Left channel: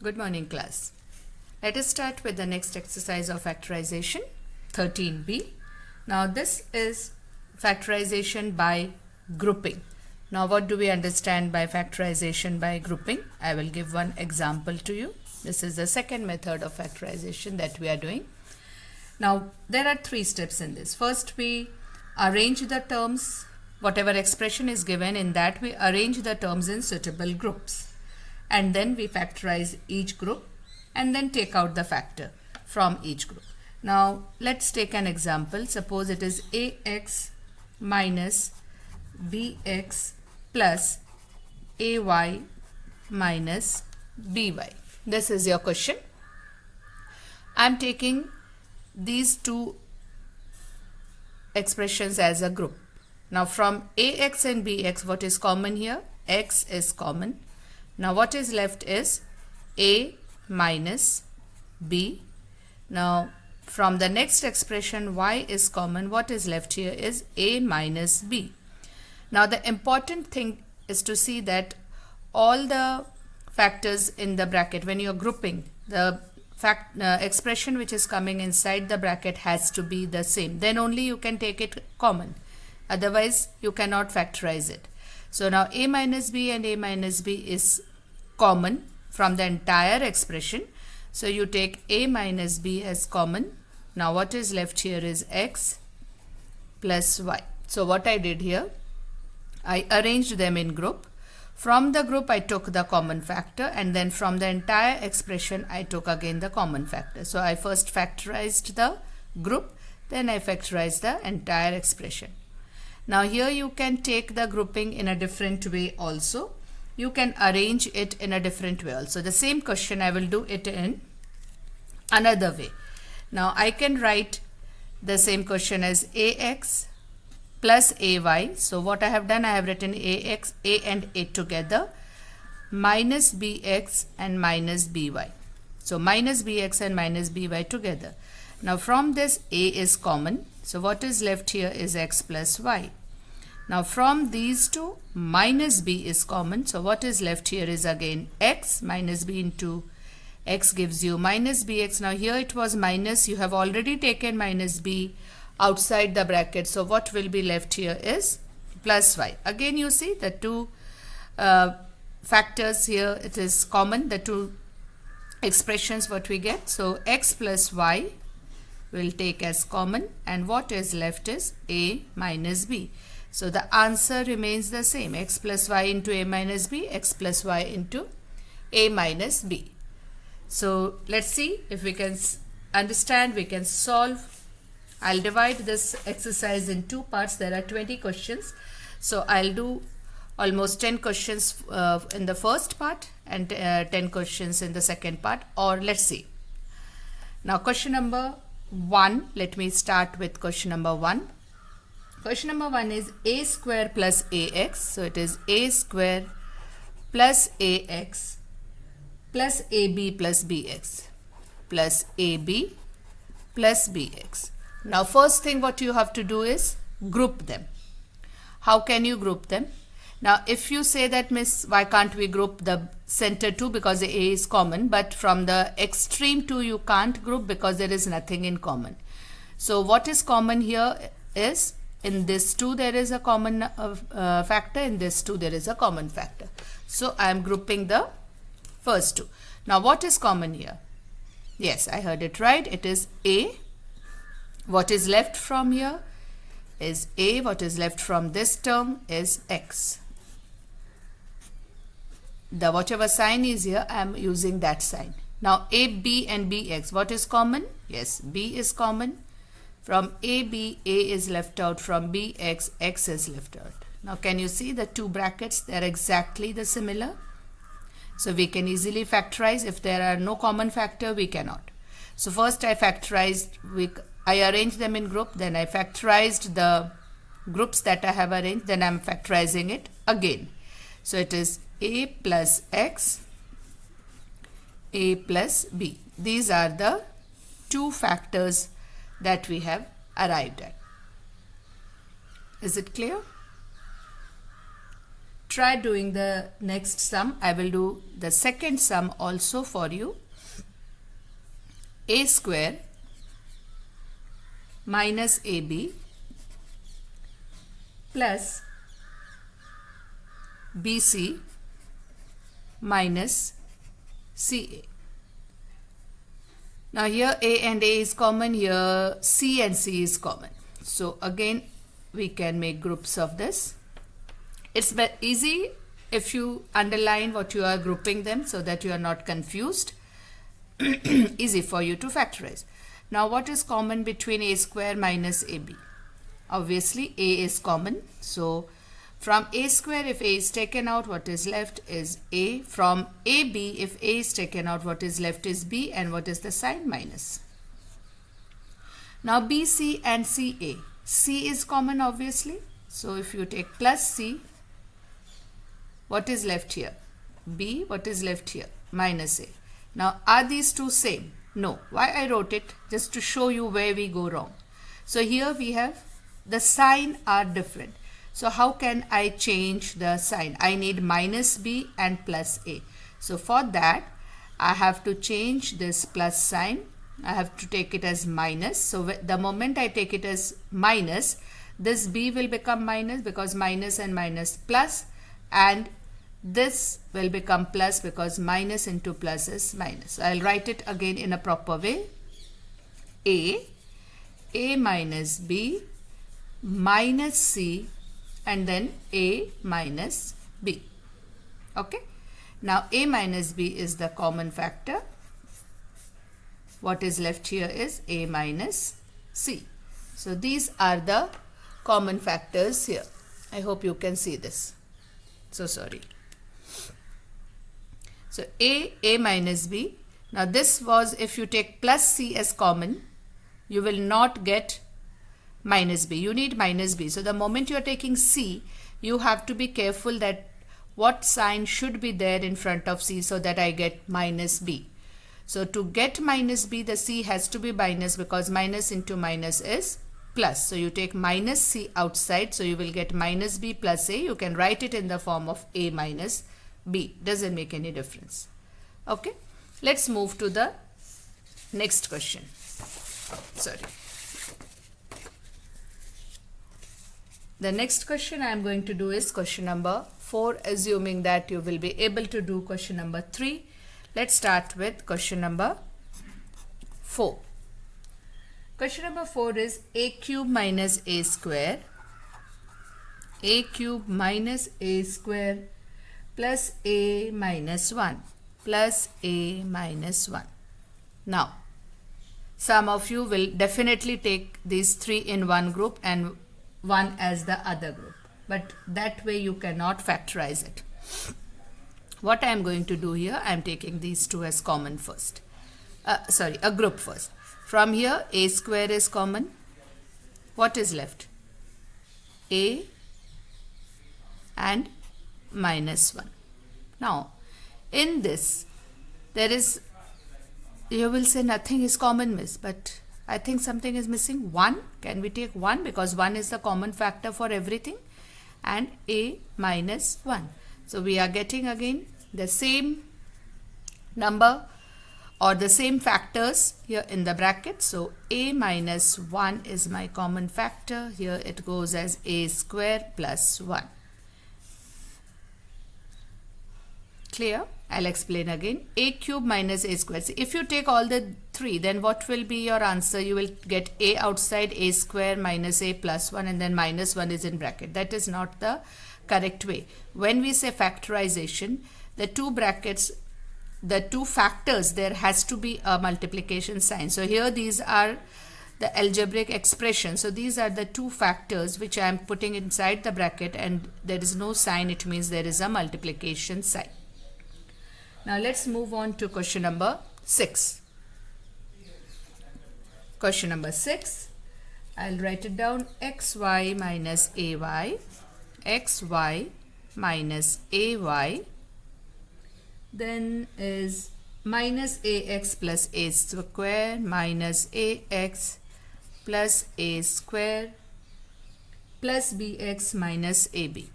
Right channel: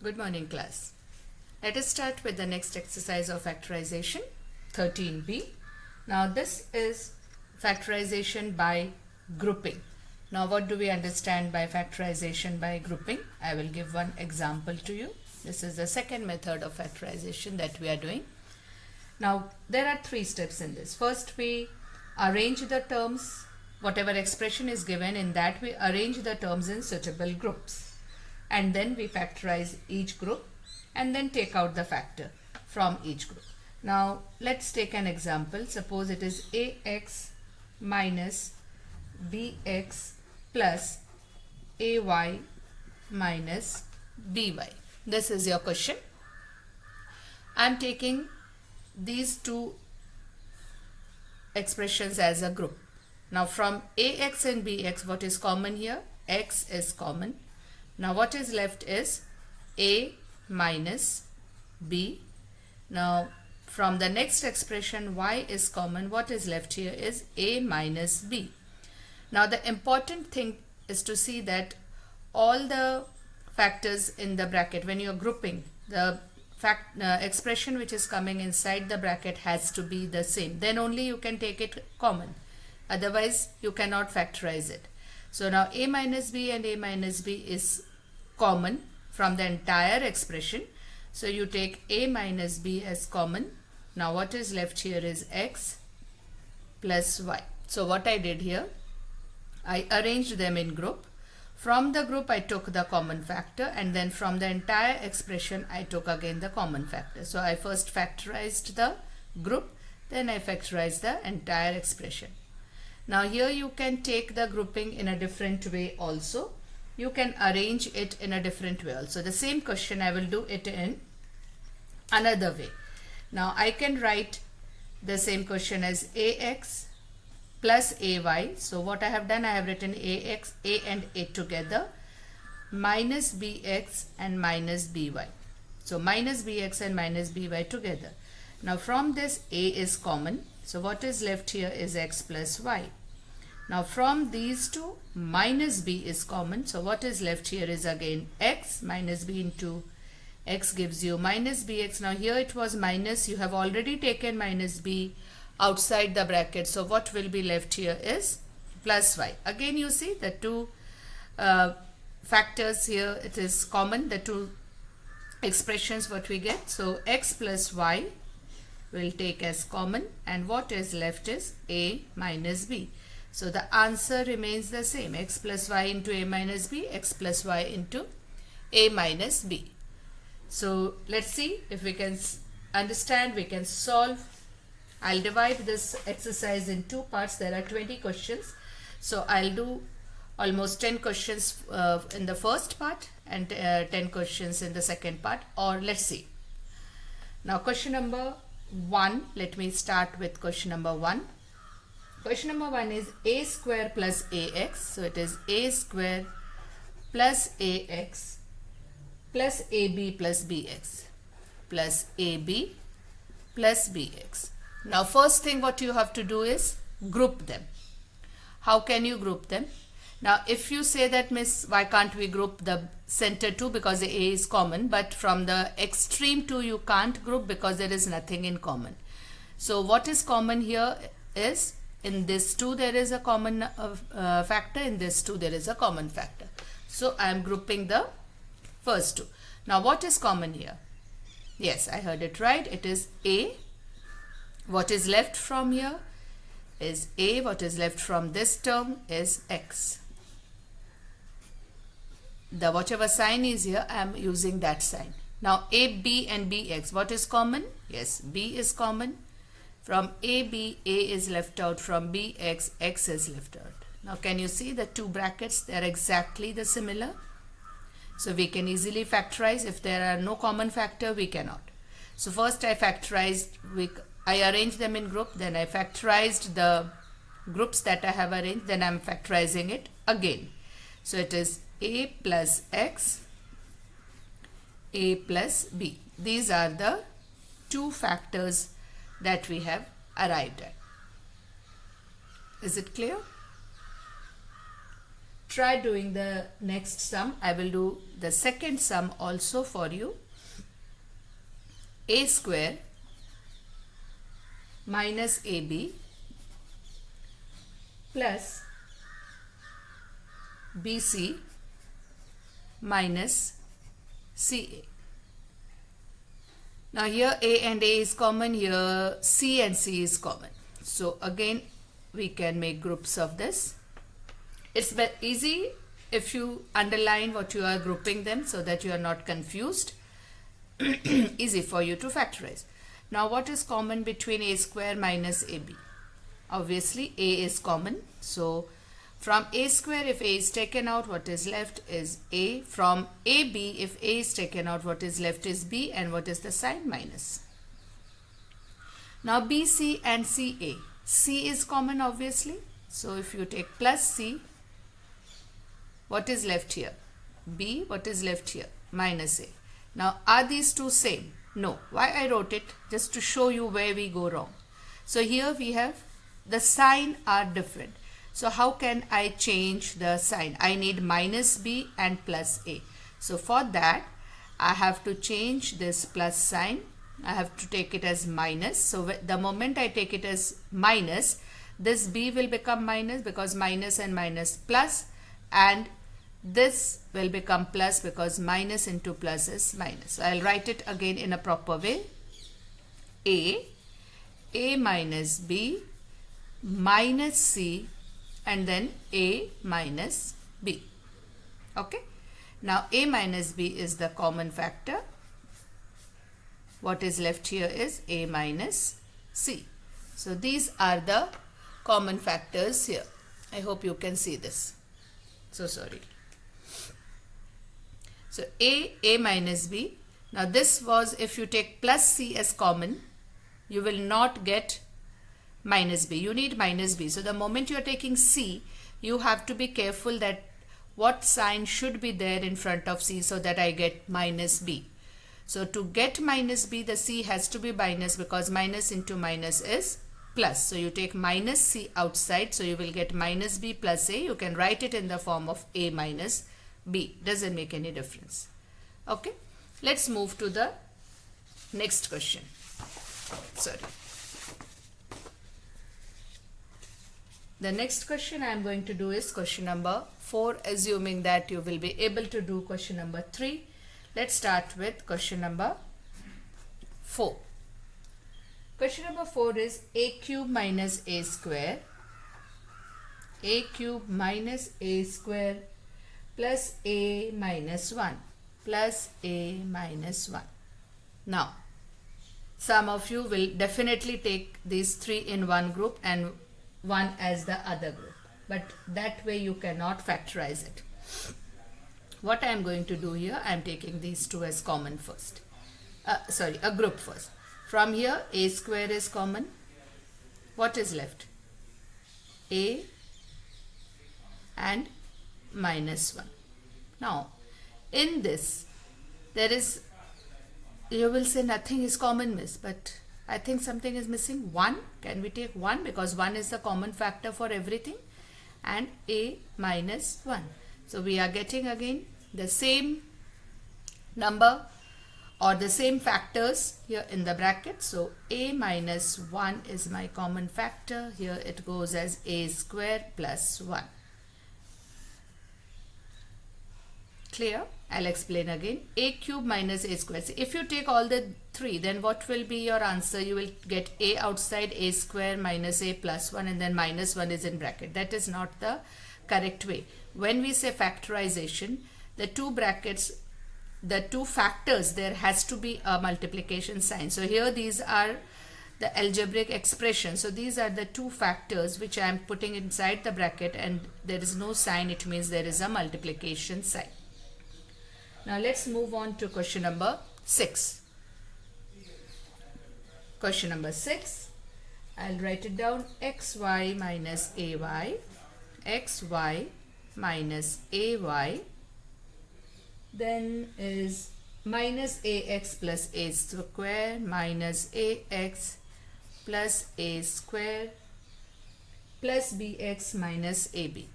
Good morning, class. Let us start with the next exercise of factorization, 13b. Now this is factorization by grouping. Now what do we understand by factorization by grouping? I will give one example to you. This is the second method of factorization that we are doing. Now there are three steps in this. First, we arrange the terms, whatever expression is given, in that we arrange the terms in suitable groups. And then we factorize each group and then take out the factor from each group. Now let's take an example. Suppose it is ax minus bx plus ay minus by. This is your question. I am taking these two expressions as a group. Now from ax and bx, what is common here? X is common. Now what is left is a minus b. Now from the next expression, y is common. What is left here is a minus b. Now the important thing is to see that all the factors in the bracket, when you are grouping, the expression which is coming inside the bracket has to be the same. Then only you can take it common. Otherwise you cannot factorize it. So now a minus b and a minus b is common from the entire expression. So you take a minus b as common. Now what is left here is x plus y. So what I did here, I arranged them in group. From the group I took the common factor, and then from the entire expression I took again the common factor. So I first factorized the group, then I factorized the entire expression. Now here you can take the grouping in a different way also. You can arrange it in a different way also. The same question I will do it in another way. Now I can write the same question as ax plus ay. So what I have done, I have written ax, a and a together, minus bx and minus by. So minus bx and minus by together. Now from this a is common. So what is left here is x plus y. Now from these two, minus b is common. So what is left here is again x. Minus b into x gives you minus bx. Now here it was minus. You have already taken minus b outside the bracket. So what will be left here is plus y. Again you see the two factors here. It is common, the two expressions what we get. So x plus y will take as common, and what is left is a minus b. So the answer remains the same, x plus y into a minus b, x plus y into a minus b. So let's see if we can understand, we can solve. I'll divide this exercise in two parts. There are 20 questions. So I'll do almost 10 questions in the first part and 10 questions in the second part, or let's see. Now question number 1, let me start with question number 1. Question number 1 is a square plus ax. So it is a square plus ax plus ab plus bx plus ab plus bx. Now first thing what you have to do is group them. How can you group them? Now if you say that, miss, why can't we group the center 2, because the a is common, but from the extreme 2 you can't group because there is nothing in common. So what is common here is, in this 2 there is a common factor, in this 2 there is a common factor. So I am grouping the first 2. Now what is common here? Yes, I heard it right. It is a. What is left from here is a. What is left from this term is x. The whatever sign is here, I am using that sign. Now a, b and bx, what is common? Yes, b is common. From ab, a is left out. From bx, x is left out. Now can you see the two brackets? They are exactly the similar. So we can easily factorize. If there are no common factor, we cannot. So first I factorized, I arranged them in group, then I factorized the groups that I have arranged, then I am factorizing it again. So it is a plus x, a plus b. These are the two factors that we have arrived at. Is it clear? try doing the next sum. I will do the second sum also for you. A square minus AB plus BC minus CA. Now here A and A is common, here C and C is common. So again we can make groups of this. It's easy if you underline what you are grouping them so that you are not confused. Easy for you to factorize. Now what is common between A square minus AB? Obviously A is common. So from A square, if A is taken out, what is left is A. From AB, if A is taken out, what is left is B. And what is the sign? Minus. Now BC and CA. C is common obviously. So if you take plus C, what is left here? B. What is left here? Minus A. Now are these two same? No. Why I wrote it? Just to show you where we go wrong. So here we have the sign are different. So how can I change the sign? I need minus B and plus A. So for that, I have to change this plus sign. I have to take it as minus. So the moment I take it as minus, this B will become minus because minus and minus plus, and this will become plus because minus into plus is minus. So I'll write it again in a proper way. A minus B minus C, and then A minus B. Okay. Now A minus B is the common factor. What is left here is A minus C. So these are the common factors here. I hope you can see this. So sorry. So A minus B. Now this was, if you take plus C as common, you will not get minus B. You need minus B. So the moment you are taking C, you have to be careful that what sign should be there in front of C so that I get minus B. So to get minus B, the C has to be minus because minus into minus is plus. So you take minus C outside, so you will get minus B plus A. You can write it in the form of A minus B. Doesn't make any difference. Okay. Let's move to the next question. Sorry. The next question I am going to do is question number 4, assuming that you will be able to do question number 3. Let's start with question number 4. Question number 4 is A cube minus A square. A cube minus A square plus A minus 1 plus A minus 1. Now, some of you will definitely take these 3 in one group and 1 as the other group, but that way you cannot factorize it. What I am going to do here, I am taking these 2 as common first. A group first. From here, A square is common. What is left? A and minus 1. Now, in this, there is, you will say nothing is common, miss, but I think something is missing. 1. Can we take 1? Because 1 is the common factor for everything. And A minus 1. So we are getting again the same number or the same factors here in the bracket. So A minus 1 is my common factor. Here it goes as A square plus 1. Clear? I'll explain again. A cube minus A square. See, if you take all the 3, then what will be your answer? You will get A outside, A square minus A plus 1, and then minus 1 is in bracket. That is not the correct way. When we say factorization, the 2 brackets, the 2 factors, there has to be a multiplication sign. So here these are the algebraic expression. So these are the 2 factors which I am putting inside the bracket, and there is no sign. It means there is a multiplication sign. Now let's move on to question number 6. Question number 6, I'll write it down. xy minus ay, xy minus ay, then is minus ax plus a square minus ax plus a square plus bx minus ab.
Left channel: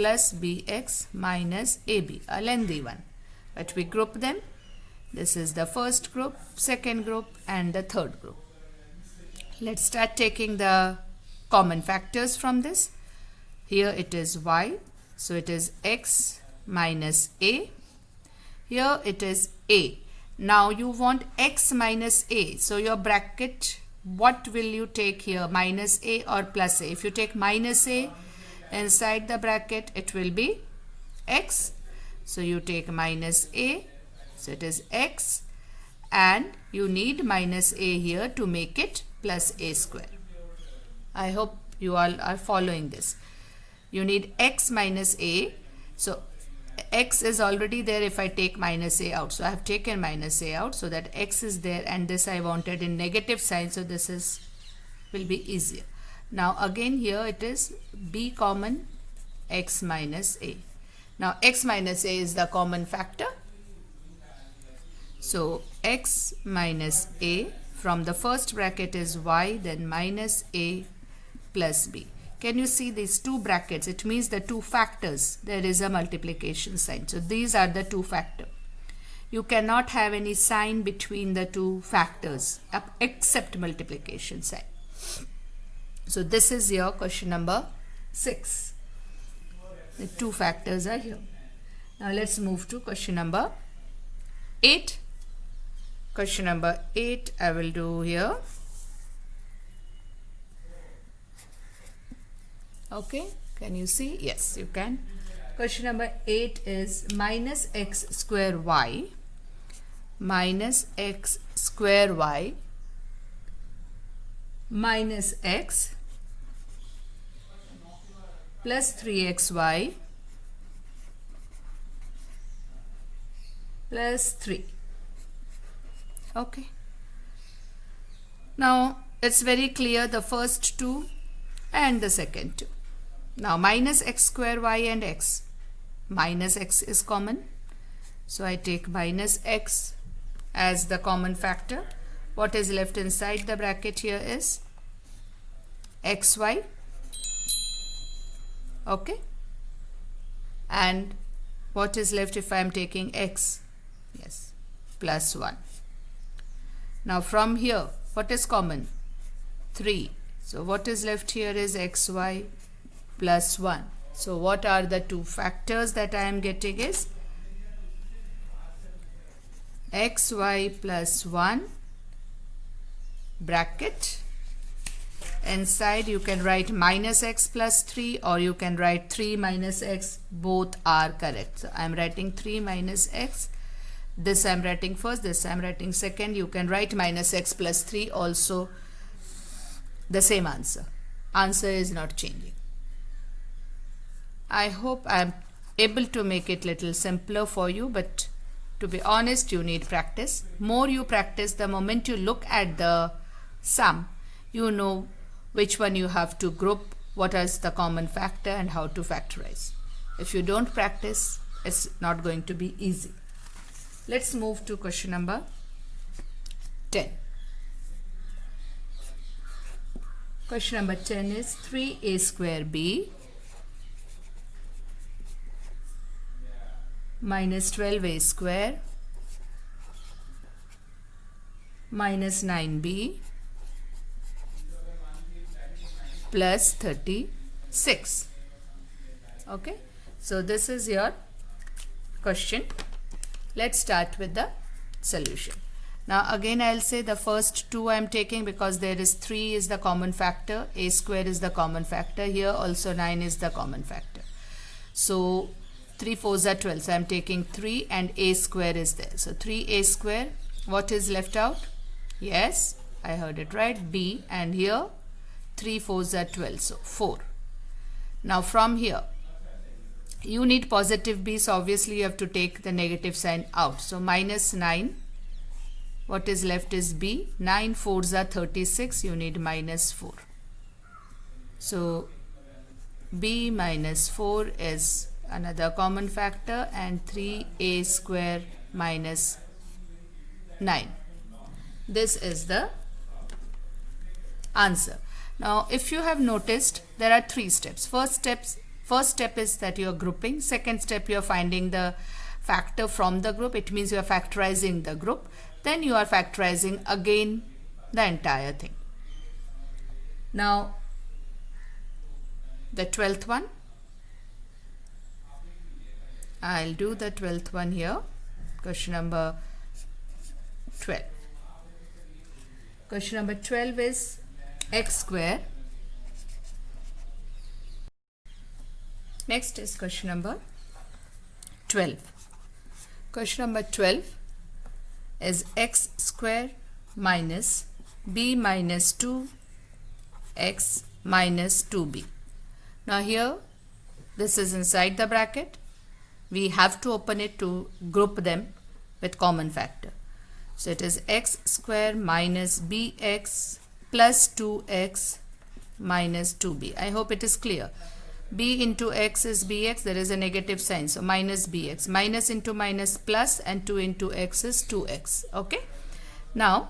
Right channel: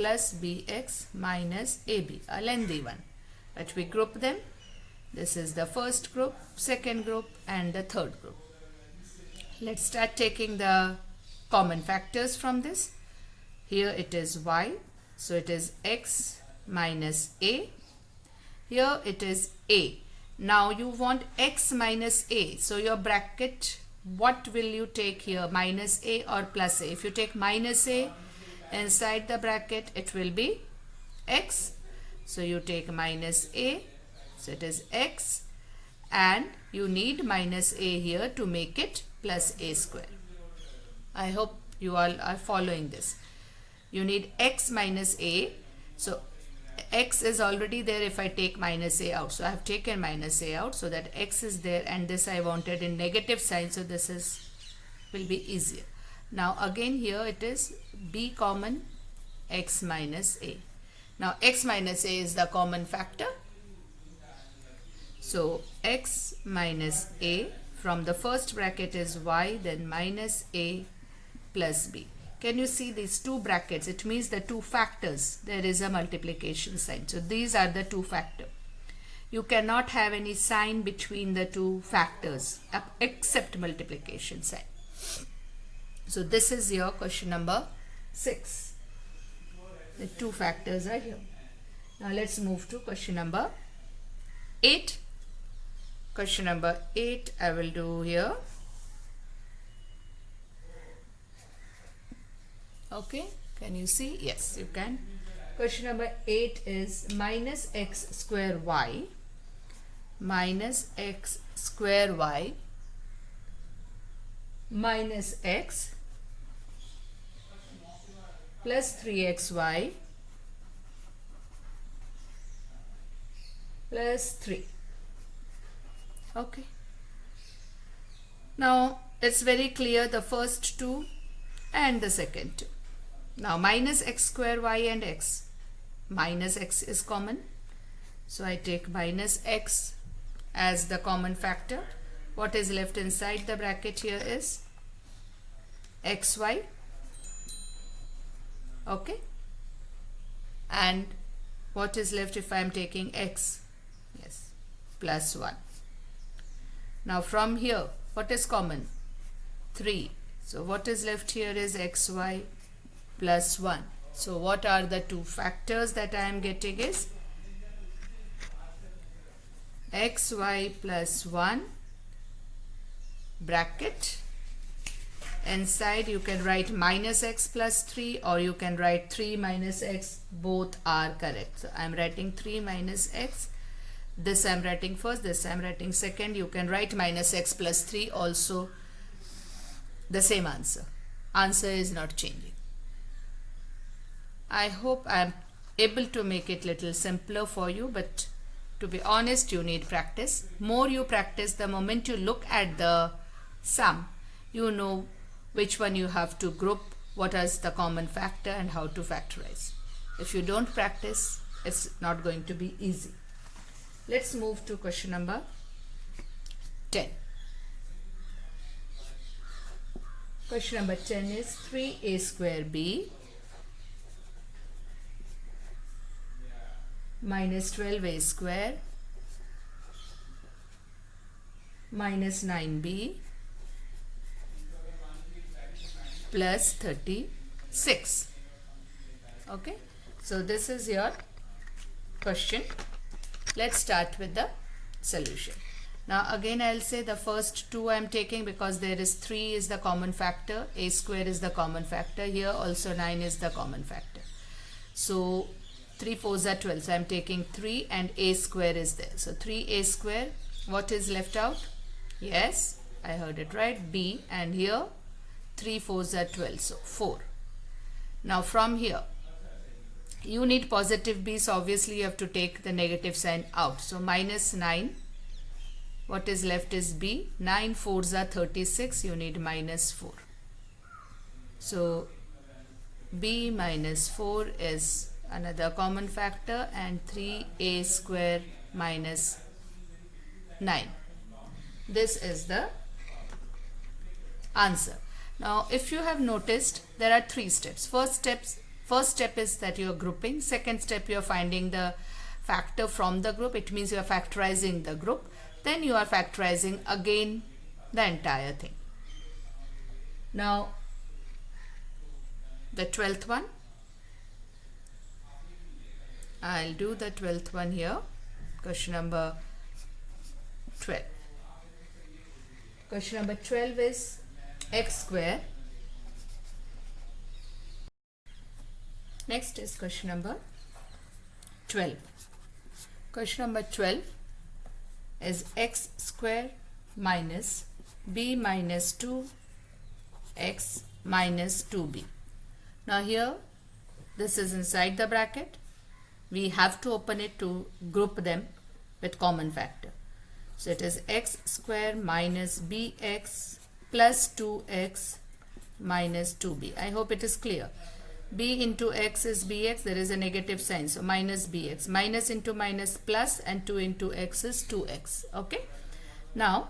plus bx minus ab, a lengthy one. But we group them. This is the first group, second group and the third group. Let's start taking the common factors from this. Here it is y, so it is x minus a. Here it is a. Now you want x minus a, so your bracket, what will you take here, minus a or plus a? If you take minus a, inside the bracket it will be x, so you take minus a, so it is x, and you need minus a here to make it plus a square. I hope you all are following this. You need x minus a, so x is already there if I take minus a out, so I have taken minus a out so that x is there, and this I wanted in negative sign, so this is will be easier. Now again here it is b common, x minus a. Now x minus a is the common factor, so x minus a from the first bracket is y, then minus a plus b. Can you see these two brackets? It means the two factors. There is a multiplication sign. So these are the two factors. You cannot have any sign between the two factors except multiplication sign. So this is your question number 6. The two factors are here. Now let's move to question number 8. Question number 8 I will do here. Okay, can you see? Yes, you can. Question number 8 is minus x square y minus x square y minus x plus 3xy plus 3. Okay. Now it's very clear, the first two and the second two. Now minus x square y and x. Minus x is common. So I take minus x as the common factor. What is left inside the bracket here is xy. Okay. And what is left if I am taking x? Yes, plus 1. Now from here, what is common? 3. So what is left here is xy plus 1. So what are the two factors that I am getting is xy plus 1 bracket. Inside you can write minus x plus 3 or you can write 3 minus x. Both are correct. So I am writing 3 minus x. This I am writing first, this I am writing second. You can write minus x plus 3 also. The same answer. Answer is not changing. I hope I am able to make it little simpler for you, but to be honest, you need practice. More you practice, the moment you look at the sum, you know which one you have to group, what is the common factor and how to factorize. If you don't practice, it's not going to be easy. Let's move to question number 10. Question number 10 is 3a square b minus 12a square minus 9b plus 36. Okay, so this is your question. Let's start with the solution. Now again I'll say the first two I am taking because there is 3 is the common factor, a square is the common factor, here also 9 is the common factor. So 3 4s are 12, so I am taking 3 and a square is there. So 3a square, what is left out? Yes, I heard it right, b, and here 3 4s are 12, so 4. Now from here you need positive b, so obviously you have to take the negative sign out. So minus 9, what is left is b, 9 4s are 36, you need minus 4. So b minus 4 is another common factor, and 3a square minus 9. This is the answer. Now if you have noticed, there are 3 steps. First step is that you are grouping. Second step, you are finding the factor from the group. It means you are factorizing the group. Then you are factorizing again the entire thing. Now, the 12th one. I'll do the 12th one here. Question number 12. Question number 12 is x square. Next is question number 12. Question number 12 is x square minus b minus 2x minus 2b. Now here, this is inside the bracket. We have to open it to group them with common factor. So it is x square minus bx plus 2x minus 2b. I hope it is clear. B into x is bx, there is a negative sign, so minus bx. Minus into minus plus, and 2 into x is 2x. Okay. Now,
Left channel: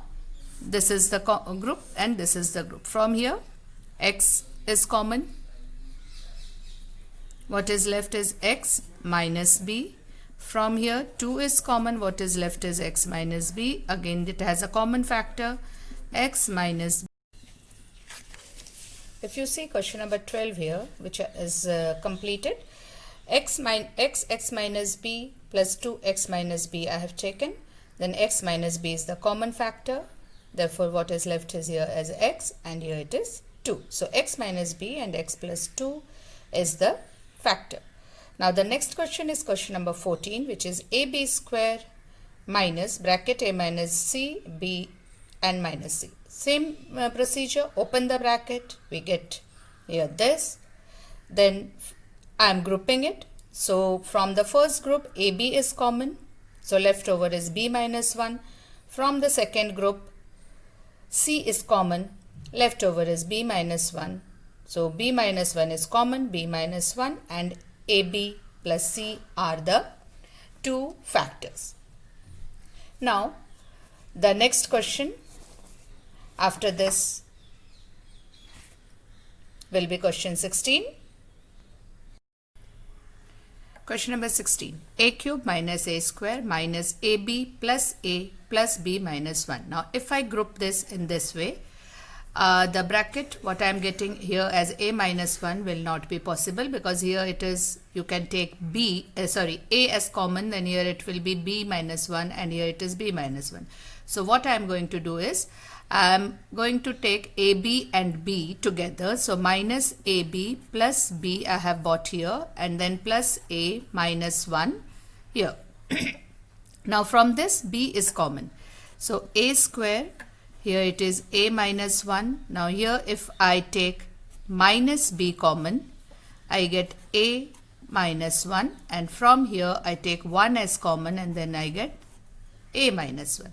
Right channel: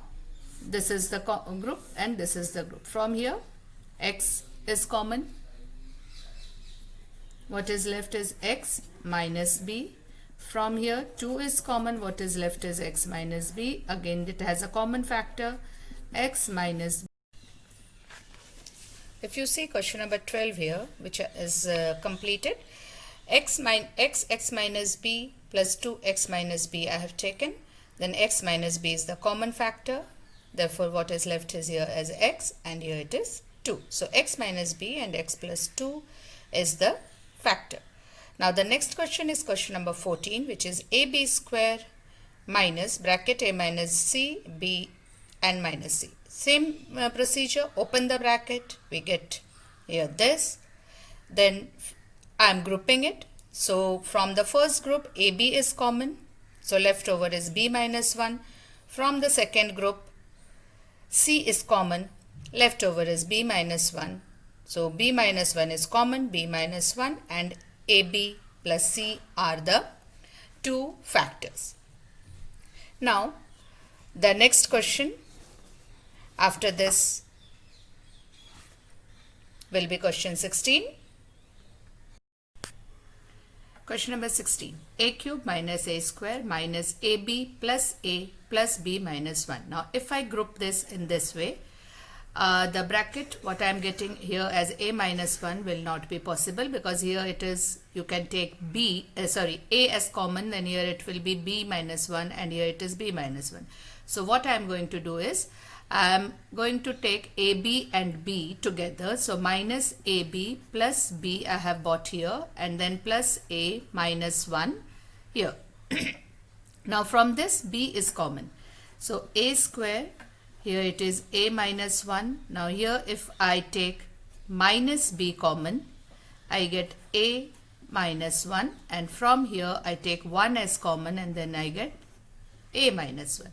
this is the group and this is the group. From here, x is common. What is left is x minus b. From here, 2 is common. What is left is x minus b. Again, it has a common factor, x minus b. If you see question number 12 here, which is completed, x minus b plus 2x minus b I have taken. Then x minus b is the common factor. Therefore, what is left is here as x, and here it is 2. So, x minus b and x plus 2 is the factor. Now, the next question is question number 14, which is ab square minus bracket a minus c, b and minus c. Same procedure, open the bracket, we get here this. Then I am grouping it. So, from the first group, AB is common. So, left over is B minus 1. From the second group, C is common. Left over is B minus 1. So, B minus 1 is common, B minus 1, and AB plus C are the two factors. Now, the next question after this will be question 16. Question number 16. A cube minus a square minus ab plus a plus b minus 1. Now, if I group this in this way, the bracket, what I am getting here as a minus 1 will not be possible, because here it is, you can take a as common, then here it will be b minus 1, and here it is b minus 1. So, what I am going to do is, I am going to take AB and B together. So, minus AB plus B I have bought here, and then plus A minus 1 here. Now, from this B is common. So, A square, here it is A minus 1. Now, here if I take minus B common, I get A minus 1, and from here I take 1 as common, and then I get A minus 1.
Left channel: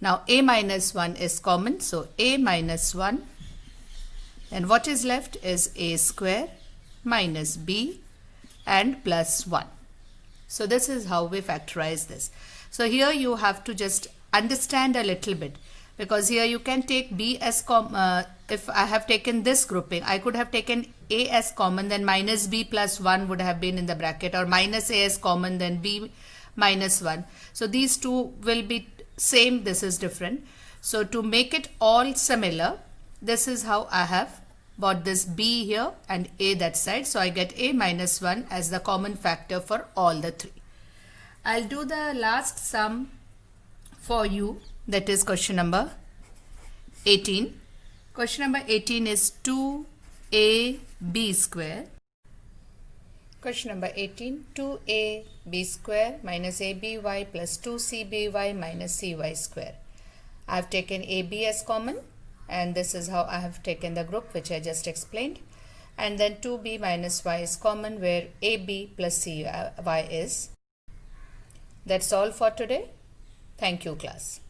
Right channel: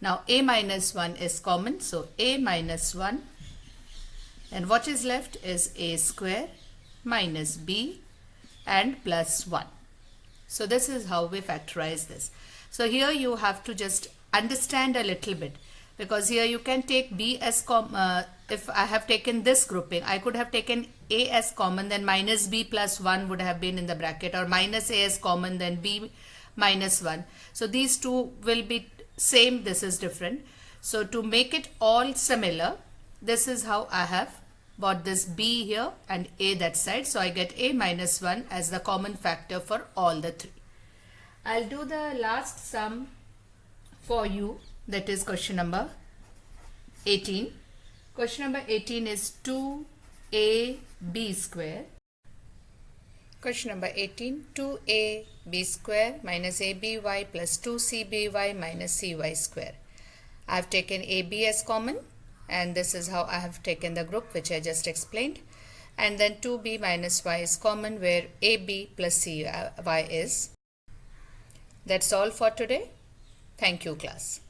Now, a minus 1 is common, so a minus 1, and what is left is a square minus b and plus 1. So, this is how we factorize this. So, here you have to just understand a little bit, because here you can take b as common. If I have taken this grouping, I could have taken a as common, then minus b plus 1 would have been in the bracket, or minus a as common, then b minus 1. So, these two will be same, this is different. So, to make it all similar, this is how I have bought this b here and a that side. So, I get a minus 1 as the common factor for all the three. I'll do the last sum for you, that is question number 18. Question number 18 is 2ab square. Question number 18, 2ab square minus aby plus 2cby minus cy square. I have taken ab as common, and this is how I have taken the group which I just explained. And then 2b minus y is common, where ab plus cy is. That's all for today. Thank you, class.